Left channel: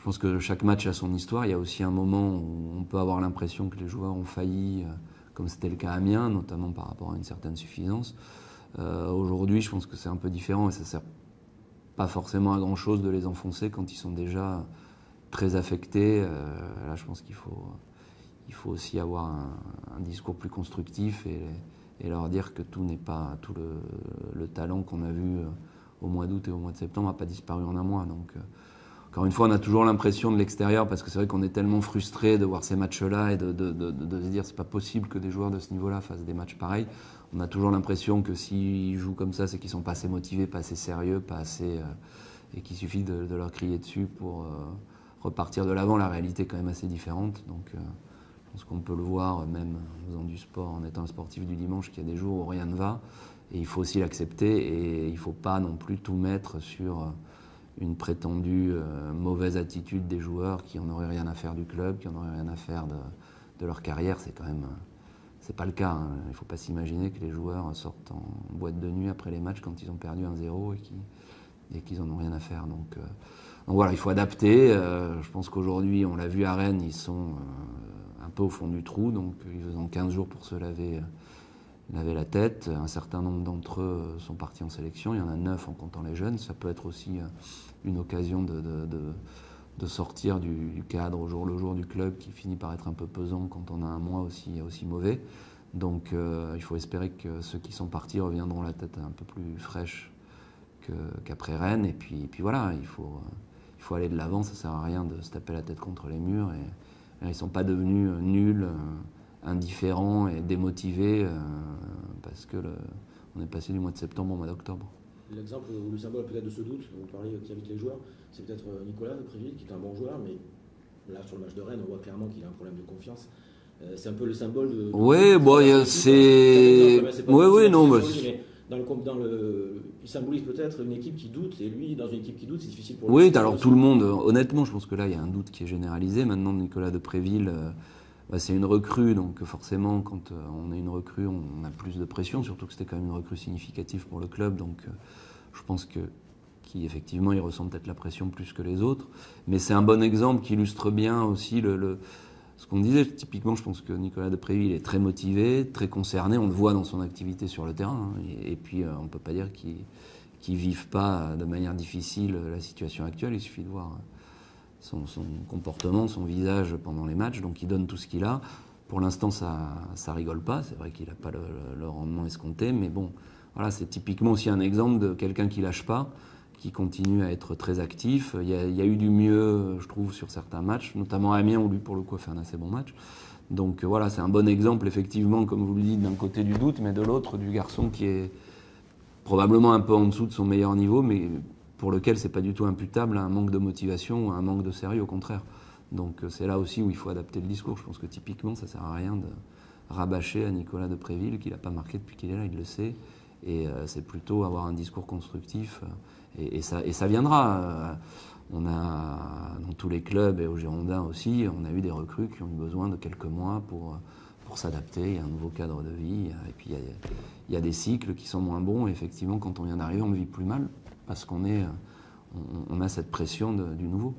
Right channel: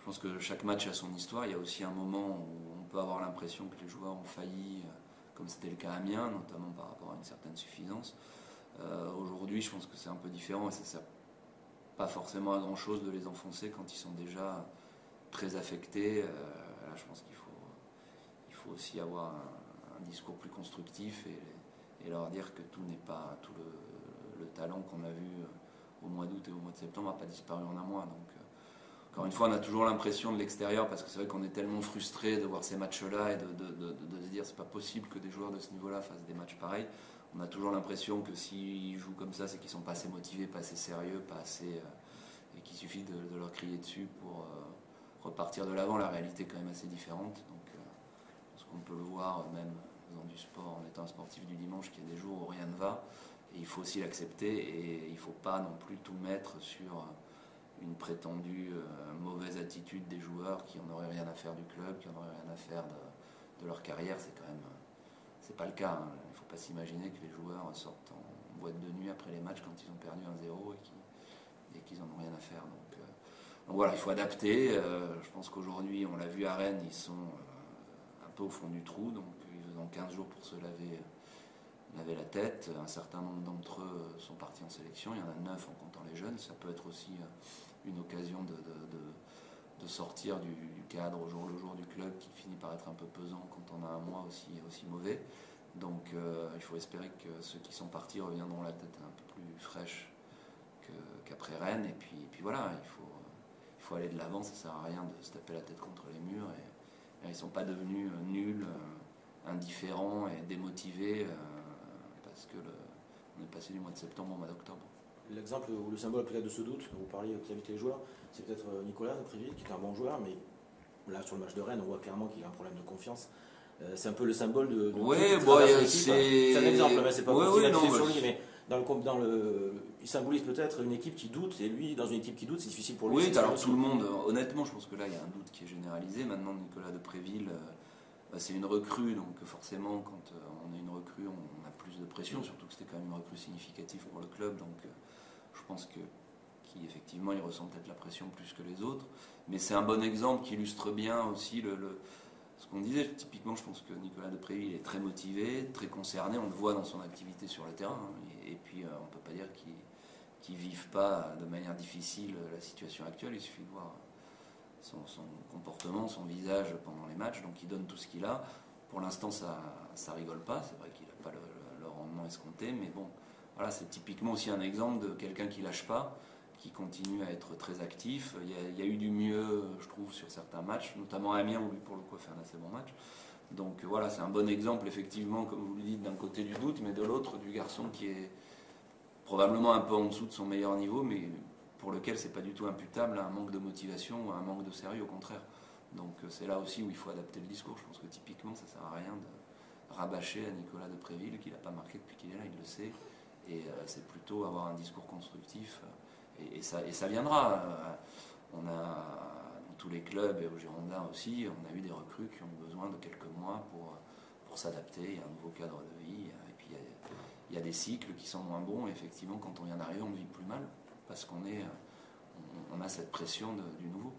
je pense que chaque match a son histoire. Il y a aussi un moment où on peut avoir l'impression que les joueurs ont failli, comme c'était le cas à Amiens, notamment par rapport à une certaine suffisance. Aujourd'hui, je pense que c'est un peu différent et ça sert pas forcément à grand chose de les enfoncer quand ils sont déjà très affectés. Là, je pense qu'il faut aussi avoir un discours plus constructif et leur dire que tout n'est pas tout le talent qu'on a vu au mois d'août et au mois de septembre n'a pas disparu en un mois. Donc, encore une fois, on a toujours l'impression de l'extérieur, parce que c'est vrai qu'on est tellement frustré de voir ces matchs-là et de se dire c'est pas possible que des joueurs de ce niveau-là fassent des matchs pareils. On a toujours l'impression que s'ils jouent comme ça, c'est qu'ils sont pas assez motivés, pas assez sérieux, pas assez, et qu'il suffit de leur crier dessus pour repartir de l'avant. La réalité est quand même assez différente. Donc, je pense qu'on peut le voir même en faisant du sport, en étant un sportif du dimanche, qu'il y a des jours où rien ne va. Et il faut aussi l'accepter et il ne faut pas non plus tout mettre sur une prétendue mauvaise attitude des joueurs qui n'en auraient rien à faire du club, qui n'en auraient rien à faire de leur carrière. C'est quand même, c'est pas le cas. Hein. Il ne faut pas s'imaginer que les joueurs sortent en boîte de nuit après les matchs quand ils ont perdu 1-0 et qu'ils n'en ont rien à faire. Donc voilà, il faut adapter. Je pense qu'aujourd'hui, on l'a vu à Rennes, ils sont un peu au fond du trou, donc ils ont 15 jours pour se laver la tête. Un certain nombre d'entre eux sont partis en sélection, il y en a 9 en comptant les jeunes. Ça peut être aussi une occasion de sortir du cadre au jour le jour du club qui finit par être un peu pesant quand on a un mois aussi mauvais. Donc il faut espérer que ceux qui sont partis reviendront la tête un peu plus fraîche qu'après Rennes. Et puis voilà, il faut aller de l'avant, ça ne sert à rien de se taper la tête contre les murs. Et ils ne sont pas devenus nuls, indifférents et démotivés parce qu'on est passé du mois de septembre au mois d'octobre. L'exemple ou le symbole peut-être de ce doute dont vous parliez vis-à-vis des joueurs, c'est peut-être Nicolas de Préville, qui est un bon joueur, mais là sur le match de Rennes, on voit clairement qu'il a un problème de confiance. C'est un peu le symbole de oui, bon, c'est. Oui, non, mais il symbolise peut-être une équipe qui doute, et lui, dans une équipe qui doute, c'est difficile pour lui. Oui, alors tout le monde, honnêtement, je pense que là, il y a un doute qui est généralisé. Maintenant, Nicolas de Préville, c'est une recrue, donc forcément, quand on est une recrue, on a plus de pression, surtout que c'était quand même une recrue significative pour le club, donc je pense qu'effectivement, il ressent peut-être la pression plus que les autres. Mais c'est un bon exemple qui illustre bien aussi ce qu'on disait. Typiquement, je pense que Nicolas de Préville est très motivé, très concerné. On le voit dans son activité sur le terrain. Hein. Et puis, on ne peut pas dire qu'ils ne vivent pas de manière difficile la situation actuelle. Il suffit de voir son comportement, son visage pendant les matchs. Donc, il donne tout ce qu'il a. Pour l'instant, ça rigole pas. C'est vrai qu'il n'a pas le rendement escompté. Mais bon, voilà, c'est typiquement aussi un exemple de quelqu'un qui ne lâche pas, qui continue à être très actif. Il y a eu du mieux, je trouve, sur certains matchs, notamment à Amiens, où lui, pour le coup, a fait un assez bon match. Donc voilà, c'est un bon exemple, effectivement, comme vous le dites, d'un côté du doute, mais de l'autre, du garçon qui est probablement un peu en dessous de son meilleur niveau, mais pour lequel c'est pas du tout imputable à un manque de motivation ou à un manque de sérieux, au contraire. Donc c'est là aussi où il faut adapter le discours. Je pense que typiquement, ça sert à rien de rabâcher à Nicolas de Préville, qu'il n'a pas marqué depuis qu'il est là, il le sait. Et c'est plutôt avoir un discours constructif. Et ça viendra. On a, dans tous les clubs et aux Girondins aussi, on a eu des recrues qui ont eu besoin de quelques mois pour s'adapter. Il y a un nouveau cadre de vie. Et puis il y a des cycles qui sont moins bons. Et effectivement, quand on vient d'arriver, on ne vit plus mal parce qu'on a cette pression du nouveau.